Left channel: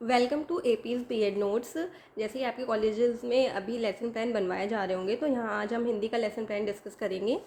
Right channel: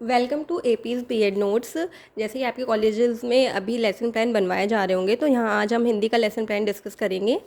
Welcome to एपीज़ BEd notes. जैसे ही आपके कॉलेजेस में अभी लेसन प्लान बनवाए जा रहे होंगे, तो यहाँ आज हम हिंदी का लेसन प्लान डिस्कस करेंगे।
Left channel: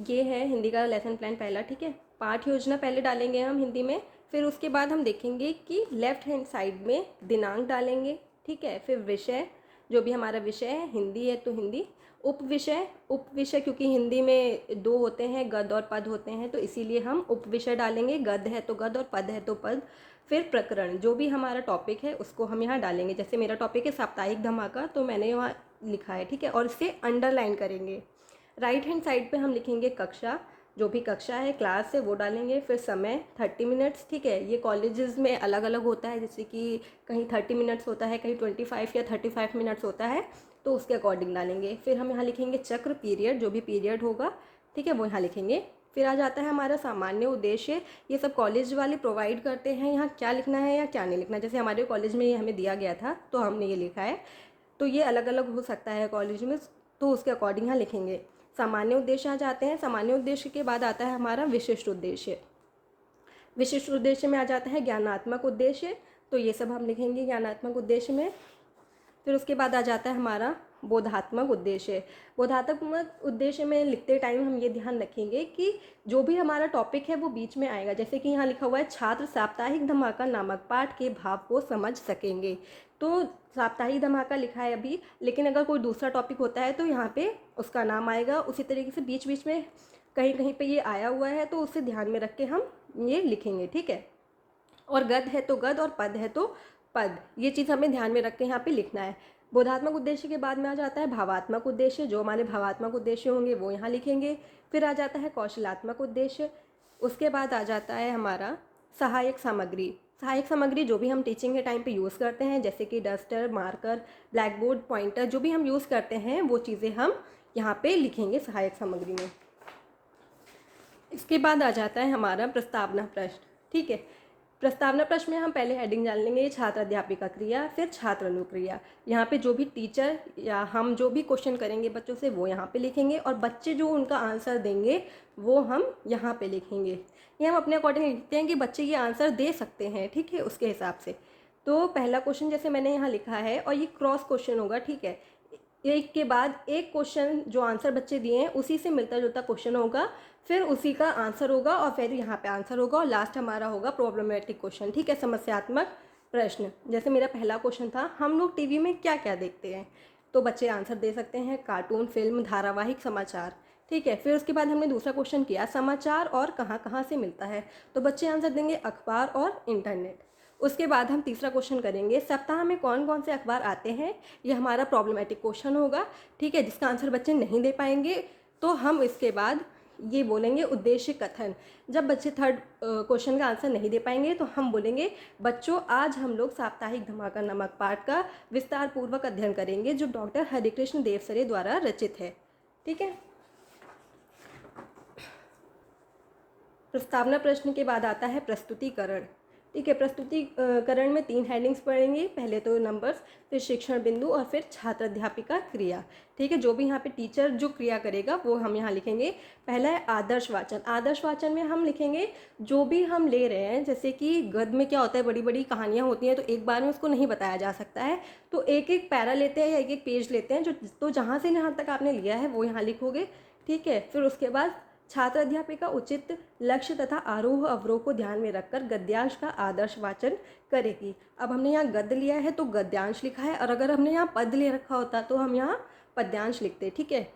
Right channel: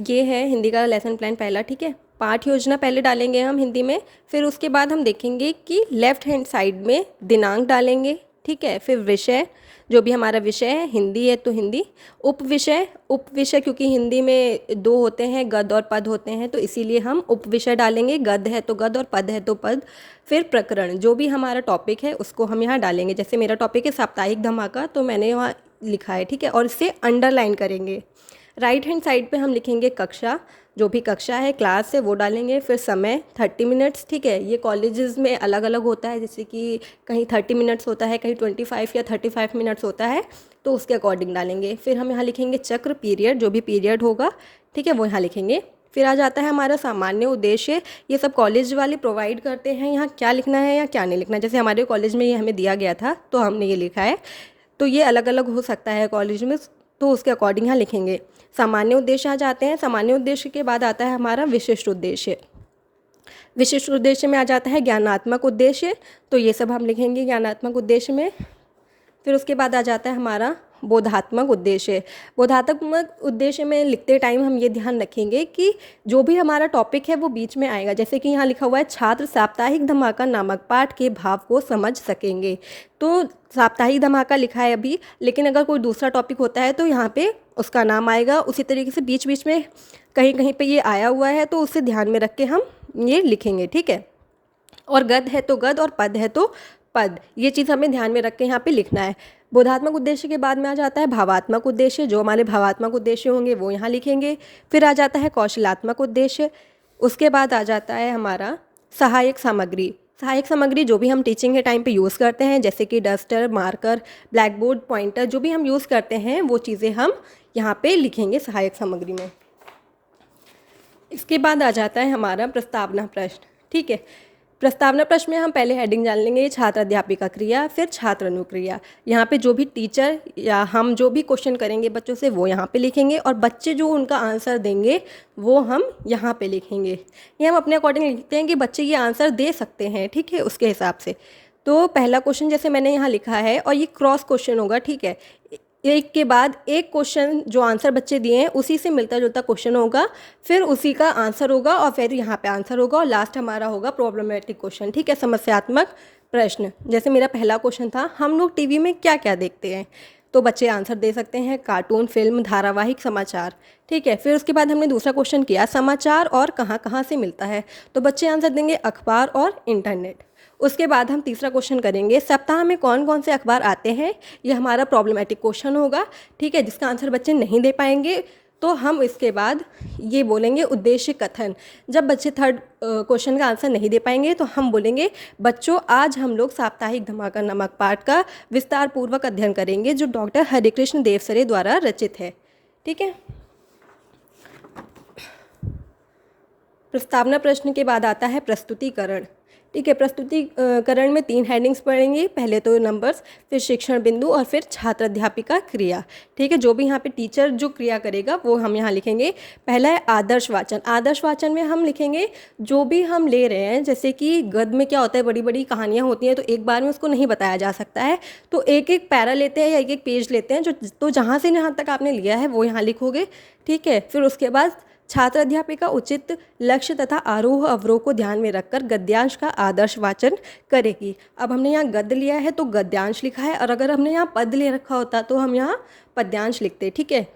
ये है हिंदी का लेसन प्लान पहला, ठीक है। पाठ योजना पहले डालेंगे हम हिंदी में, फिर उसके बाद हम देखेंगे कि लेफ़्ट हैंड साइड में दिनांक डालेंगे, ठीक है। फिर विषय, जो भी हमारा विषय है, हिंदी है तो हिंदी। उप विषय क्योंकि हिंदी में दो होते हैं, गद्य और पद होते हैं, तो इसीलिए हम उप विषय डालेंगे। गद्य है तो गद्य और पद है तो पद। फिर प्रकरण, जो भी हमारा टॉपिक है उसको हम यहाँ डालेंगे। जैसे मेरा टॉपिक है साप्ताहिक धमाका, तो मैंने वहाँ लिखा है, ठीक है, और इसे अंडरलाइन करेंगे। राइट हैंड साइड पे हम लिखेंगे कक्षा, जो भी कक्षा है, क्लास है, वो डालेंगे। फिर समय 30 मिनट्स, ठीक है। ये कॉलेजेस में अलग अलग होता है, जैसे कि कहीं 30 मिनट्स होता है, कहीं 25 या 35 मिनट्स होता है, तो उसके अकॉर्डिंग डालेंगे। फिर हम यहाँ लिखेंगे चक्र, पीरियड, जो भी पीरियड होगा, ठीक है, वो यहाँ लिखेंगे। फिर आ जाता है हमारा सामान्य उद्देश्य। ये सब कॉलेज वाले प्रोवाइड करते हैं, यहाँ क्या लिखना है या क्या नहीं लिखना है। जैसे हमारे कॉलेज में ये हमें दिया गया था तो हमने ये लिखा है, तो ये अलग अलग हो सकता है कॉलेज में, तो उसके अकॉर्डिंग यहाँ लिखेंगे। सामान्य उद्देश्य आ जाते हैं। सामान्य उद्देश्य के बाद आता है हमारा विशिष्ट उद्देश्य। विशिष्ट उद्देश्य में आ जाता है ज्ञानात्मक उद्देश्य, तो ये सब हम लिखेंगे ज्ञानात्मक उद्देश्य में। फिर उसके बाद आ जाता है हमारा बोधात्मक उद्देश्य। बोधात्मक उद्देश्य में लिखते टाइम हम ये ध्यान रखेंगे कि जो भी हमारा टॉपिक है वो बीच में आएगा। जैसे कि यहाँ लिखा हुआ है छात्र साप्ताहिक धमाका नामक पाठ के भाव को समझ सकेंगे, तो साप्ताहिक धमाका लिखा है अभी, लेकिन अगर कोई दूसरा टॉपिक होता है तो यहाँ पे उसका नाम आएगा। उसी तरीके से बीच बीच में कहीं कहीं पे ये आया हुआ है, तो उसे ध्यान में रख के हम ये लिखेंगे, ठीक है। और गद्य है तो गद्य और पद है तो पद, ये चीज़ हमें ध्यान में रख के यहाँ पे लिखना है। बोधात्मक उद्देश्य के बाद में आ जाता है भावात्मक उद्देश्य। जो हमारे भावात्मक उद्देश्य होंगे वो यहाँ लिखेंगे। फिर आ जाता है कौशलात्मक उद्देश्य। उसके बाद आ जाता है हमारा सहायक सामग्री। सहायक सामग्री जो भी हम टीचिंग के टाइम पे यूज़ करते हैं, जैसे कि duster, marker, black board, pointer, जो भी हम यूज़ करते हैं वो चीज़ें हम यहाँ पे लिखेंगे सहायक सामग्री में। इसके बाद आ जाता है हमारा प्रस्तावना प्रश्न, ठीक है। प्रस्तावना प्रश्न में हम पहले हेडिंग जान लेंगे छात्र अध्यापिका क्रिया, फिर छात्र अनुक्रिया। यहाँ पे जो भी टीचर या हम जो भी क्वेश्चन करेंगे बच्चों से वो यहाँ पे लिखेंगे, और बच्चे जो उनका आंसर देंगे वो हम यहाँ पे लिखेंगे। ये हम अपने अकॉर्डिंग लिखते हैं कि बच्चे ये आंसर दे सकते हैं, ठीक है, उसके हिसाब से। तो पहला क्वेश्चन जैसे मैंने यहाँ लिखा है, और ये क्रॉस क्वेश्चन होगा, ठीक है। एक के बाद एक क्वेश्चन जो आंसर बच्चे दिए हैं उसी से मिलता जुलता क्वेश्चन होगा, फिर उसी का आंसर होगा, और फिर यहाँ पे आंसर होगा, और लास्ट हमारा होगा प्रॉब्लमेटिक क्वेश्चन, ठीक है, समस्यात्मक प्रश्न। जैसे मेरा पहला क्वेश्चन था, हम लोग टीवी में क्या क्या देखते हैं, तो बच्चे आंसर दे सकते हैं कार्टून, फिल्म, धारावाहिक, समाचार, ठीक है। फिर उसके बाद हमने दूसरा क्वेश्चन किया समाचार और कहाँ कहाँ से मिलता है, तो बच्चे आंसर देंगे अखबार और इंटरनेट। उसके बाद हम तीसरा क्वेश्चन करेंगे सप्ताह में कौन कौन से अखबार आते हैं, ये हमारा प्रॉब्लमेटिक क्वेश्चन होगा, ठीक है, जिसका आंसर बच्चे नहीं दे पाएंगे। तो हम इसके बाद ये बोलेंगे उद्देश्य कथन। जब बच्चे थर्ड क्वेश्चन का आंसर नहीं दे पाएंगे तो हम बोलेंगे बच्चों आज हम लोग साप्ताहिक धमाका नामक पाठ का विस्तार पूर्वक अध्ययन करेंगे, जो डॉक्टर हरिकृष्ण देवसरे द्वारा रचित है, ठीक है। प्रस्तावना प्रश्न के बाद आता है प्रस्तुतिकरण, ठीक है। प्रस्तुतिकरण में 3 हेडिंग्स पढ़ेंगे, पहले तो नंबर्स, फिर शिक्षण बिंदु, और फिर छात्र अध्यापिका क्रिया, ठीक है। जो भी यहाँ पे टीचर जो क्रिया करेगा वो हम यहाँ लिखेंगे। पहला है आदर्श वाचन। आदर्श वाचन में हम लिखेंगे जो भी हम ले रहे हैं, जैसे कि गद्य में क्या होता है, बड़ी बड़ी कहानियाँ होती हैं, तो एक बार में उसको नहीं बताया जा सकता है, तो एक एक पैरा लेते हैं या एक एक पेज लेते हैं, जो तो जहाँ से जहाँ तक आपने लिया है वो यहाँ लिखोगे, ठीक है। फिर उसके बाद छात्र अध्यापिका उचित लक्ष्य तथा आरोह अवरोह को ध्यान में रखकर गद्यांश का आदर्श वाचन करेगी। अब हमने यहाँ गद्य लिया है तो गद्यांश लिखा है, और अगर हमने यहाँ पद ले रखा होता तो हम यहाँ पद्यांश लिखते, ठीक है।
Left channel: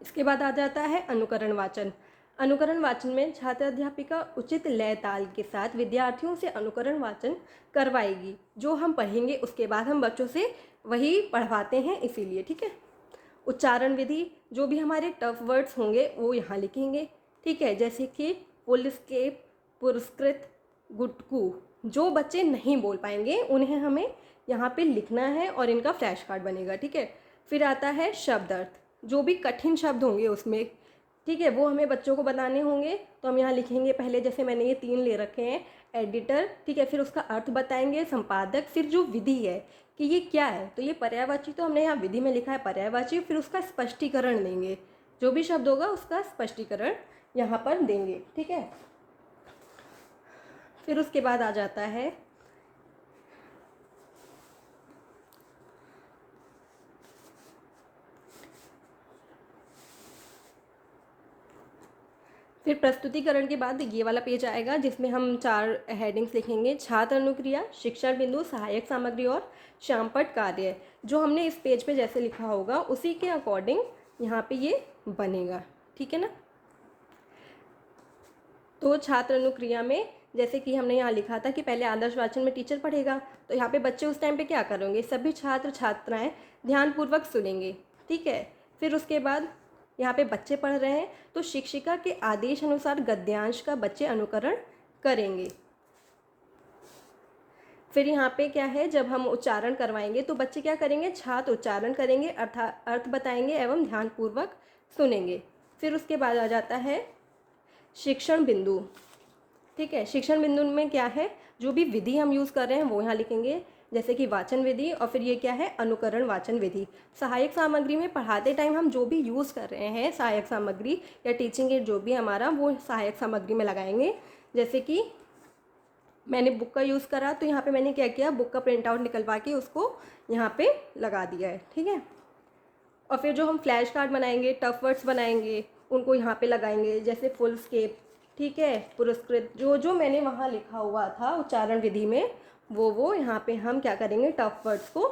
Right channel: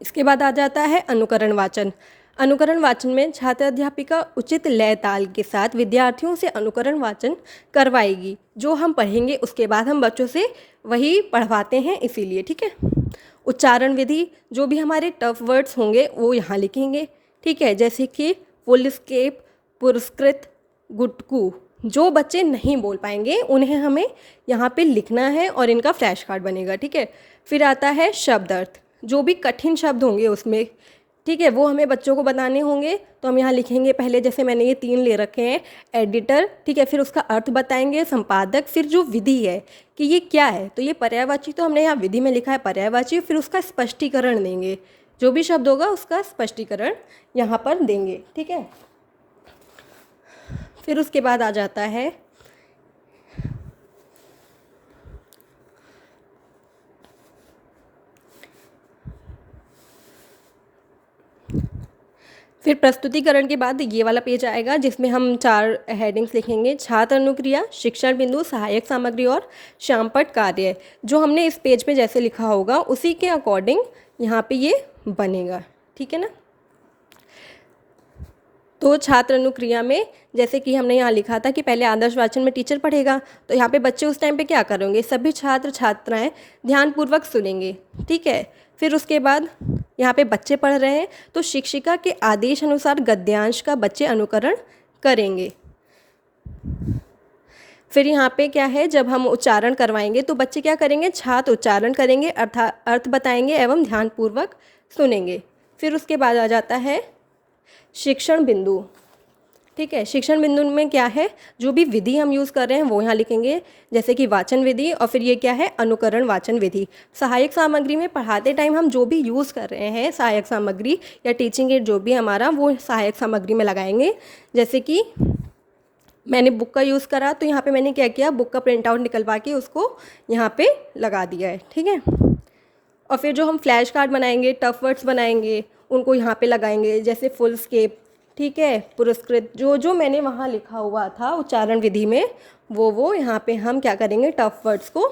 इसके बाद आ जाता है अनुकरण वाचन। अनुकरण वाचन में छात्र अध्यापिका उचित लय ताल के साथ विद्यार्थियों से अनुकरण वाचन करवाएगी। जो हम पढ़ेंगे उसके बाद हम बच्चों से वही पढ़वाते हैं, इसीलिए, ठीक है। उच्चारण विधि, जो भी हमारे टफ वर्ड्स होंगे वो यहाँ लिखेंगे, ठीक है, जैसे कि फुल स्केप, पुरस्कृत, गुटकू। जो बच्चे नहीं बोल पाएंगे उन्हें हमें यहाँ पे लिखना है और इनका फ्लैश कार्ड बनेगा, ठीक है। फिर आता है शब्द अर्थ, जो भी कठिन शब्द होंगे उसमें, ठीक है, वो हमें बच्चों को बताने होंगे, तो हम यहाँ लिखेंगे पहले, जैसे मैंने ये 3 ले रखे हैं, एडिटर, ठीक है, फिर उसका अर्थ बताएंगे, संपादक, फिर जो विधि है कि ये क्या है, तो ये पर्यायवाची, तो हमने यहाँ विधि में लिखा है पर्यायवाची, फिर उसका स्पष्टीकरण देंगे, जो भी शब्द होगा उसका स्पष्टीकरण यहाँ पर देंगे, ठीक है। फिर उसके बाद आ जाता है फिर प्रस्तुतिकरण के बाद ये वाला पेज आएगा जिसमें हम 4 हेडिंग्स लिखेंगे। छात्र अनुक्रिया, शिक्षण बिंदु, सहायक सामग्री और श्यामपट्ट कार्य। जो हमने इस पेज पे जैसे लिखा होगा उसी के अकॉर्डिंग यहाँ पे ये बनेगा, ठीक है ना। तो छात्र अनुक्रिया में जैसे कि हमने यहाँ लिखा था कि पहले आदर्श वाचन में टीचर पढ़ेगा, तो यहाँ पे बच्चे उस टाइम पे क्या करेंगे, सभी छात्र छात्राएं ध्यानपूर्वक सुनेंगे, ठीक है। फिर उसके बाद यहाँ पे बच्चे पढ़ रहे हैं तो शिक्षिका के आदेश अनुसार गद्यांश का बच्चे अनुकरण करेंगे। फिर यहाँ पे क्या है, जब हम उच्चारण करवाएंगे तो बच्चे क्या करेंगे, छात्र उच्चारण करेंगे, अर्थ बताएंगे एवं ध्यानपूर्वक सुनेंगे। फिर उसके बाद आ जाता है शिक्षण बिंदु, ठीक है। शिक्षण बिंदु में क्या है, जो भी विधि हम यूज़ कर रहे हैं वो यहाँ लिखेंगे, जैसे कि वाचन विधि, और फिर ये क्या है, अनुकरण वाचन विधि। सहायक सामग्री में पढ़ाते टाइम हम जो भी यूज़ कर रहे हैं सहायक सामग्री या टीचिंग एड जो भी हमारा, वो सहायक सामग्री में लगाएंगे। जैसे कि मैंने बुक का यूज़ करा तो यहाँ पे मैंने क्या किया, बुक का प्रिंट आउट निकलवा के उसको यहाँ पे लगा दिया है, ठीक है। और फिर जो हम फ्लैश कार्ड बनाएंगे, टफ वर्ड्स बनाएंगे, उनको यहाँ पे लगाएंगे, जैसे फुल स्केप, ठीक है, पुरस्कृत, जो जो मैंने वहाँ लिखा हुआ था उच्चारण विधि में वो यहाँ पे हम क्या करेंगे, टफ वर्ड्स को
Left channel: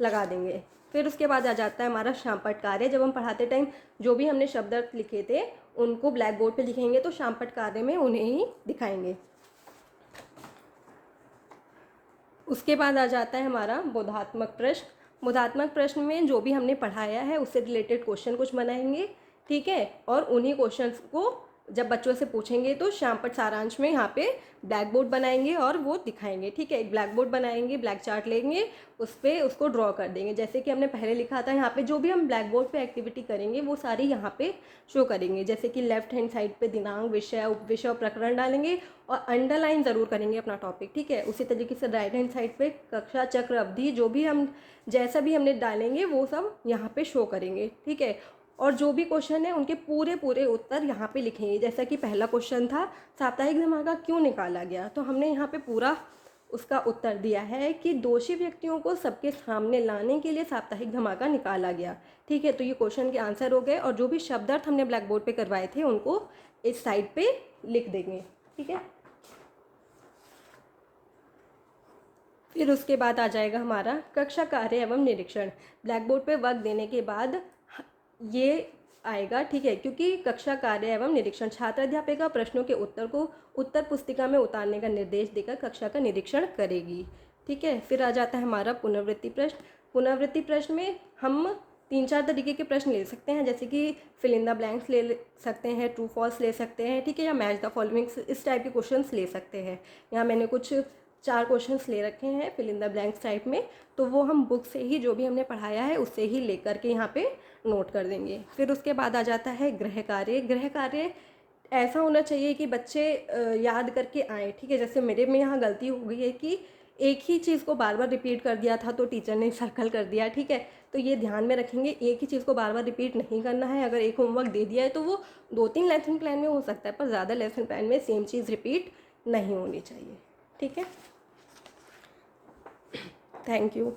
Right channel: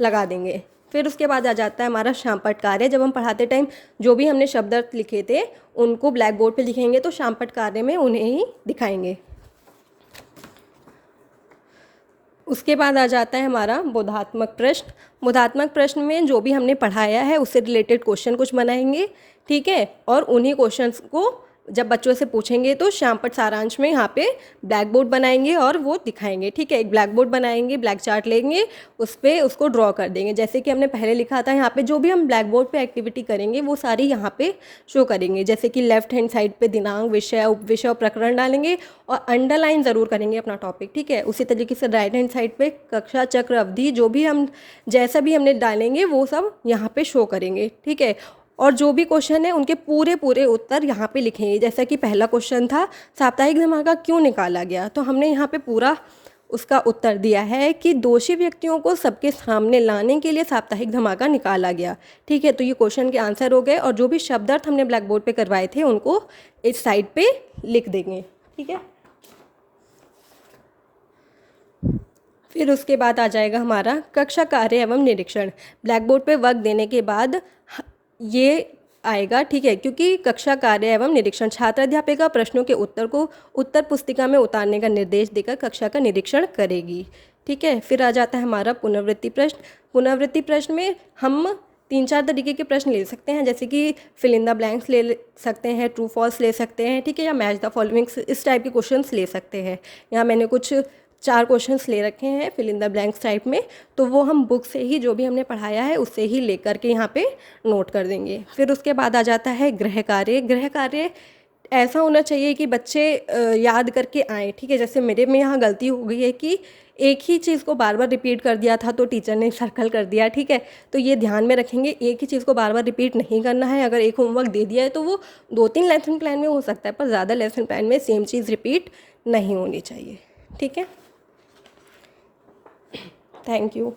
लगा देंगे। फिर उसके बाद आ जाता है हमारा श्यामपट्ट कार्य। जब हम पढ़ाते टाइम जो भी हमने शब्द अर्थ लिखे थे उनको ब्लैक बोर्ड पे लिखेंगे, तो श्यामपट्ट कार्य में उन्हें ही दिखाएंगे। उसके बाद आ जाता है हमारा बोधात्मक प्रश्न। बोधात्मक प्रश्न में जो भी हमने पढ़ाया है उससे रिलेटेड क्वेश्चन कुछ बनाएंगे, ठीक है, और उन्हीं क्वेश्चंस को जब बच्चों से पूछेंगे तो श्यामपट्ट सारांश में यहाँ पे ब्लैक बोर्ड बनाएंगे और वो दिखाएंगे, ठीक है। एक ब्लैक बोर्ड बनाएंगे, ब्लैक चार्ट लेंगे, उस पर उसको ड्रॉ कर देंगे, जैसे कि हमने पहले लिखा था। यहाँ पे जो भी हम ब्लैक बोर्ड पे एक्टिविटी करेंगे वो सारी यहाँ पे शो करेंगे, जैसे कि लेफ्ट हैंड साइड पे दिनांक, विषय, उपविषय और प्रकरण डालेंगे और अंडरलाइन ज़रूर करेंगे अपना टॉपिक, ठीक है। उसी तरीके से राइट हैंड साइड पे कक्षा, चक्र, अवधि, जो भी हम जैसा भी हमने डालेंगे वो सब यहाँ पे शो करेंगे, ठीक है। और जो भी क्वेश्चन है उनके पूरे पूरे उत्तर यहाँ पे लिखेंगे। जैसा कि पहला क्वेश्चन था, साप्ताहिक धमाका क्यों निकाला गया, तो हमने यहाँ पे पूरा उसका उत्तर दिया है कि दोषी व्यक्तियों को सबके सामने लाने के लिए साप्ताहिक धमाका निकाला गया, ठीक है। तो ये क्वेश्चन के आंसर हो गए, और जो भी शब्दार्थ हमने ब्लैक बोर्ड पे करवाए थे उनको इस साइड पे लिख देंगे, ठीक है। फिर उसके बाद आ जाएगा हमारा कक्षा कार्य एवं निरीक्षण। ब्लैक बोर्ड पे वर्क देने के बाद ये आएगा, ठीक है, क्योंकि कक्षा कार्य एवं निरीक्षण छात्र अध्यापिका प्रश्नों के उत्तर को उत्तर पुस्तिका में उतारने का निर्देश देकर कक्षा का निरीक्षण करेगी, ठीक है। फिर आ जाता है हमारा पुनरावृत्ति प्रश्न। पुनरावृत्ति प्रश्न में हम 3-4 तरीके के प्रश्न ले सकते हैं, जैसे कि फिल इन द ब्लैंक्स ले सकते हैं, ट्रू फॉल्स ले सकते हैं, ठीक है, या मैच द फॉलोइंग्स, इस टाइप के क्वेश्चंस ले सकते हैं। यहाँ मैंने कुछ 4 क्वेश्चंस ले रखे हैं fill in the blanks type में, तो वो हम बुक से ही जो भी हमने पढ़ाया है उससे ही लेकर के यहाँ पे नोट कर देंगे। फिर उसके बाद आ जाता है गृह कार्य। गृह कार्य ऐसा होना चाहिए कि बच्चे याद करके आएँ, ठीक है। जैसे मेरे में यहाँ गलती हो गई है कि एक ही चीज़ को बार बार रिपीट कर दिया था तो टीचर ने सर्कल कर दिया, ठीक है। तो ये ध्यान में रखेंगे, एक ही चीज़ को बार बार रिपीट नहीं करना है। अगर एक होमवर्क दे दिया है तो वो 2-3 लेसन प्लान में हो सकता है, पर ज़्यादा लेसन प्लान में सेम चीज़ रिपीट नहीं होनी चाहिए, ठीक है। Thank you.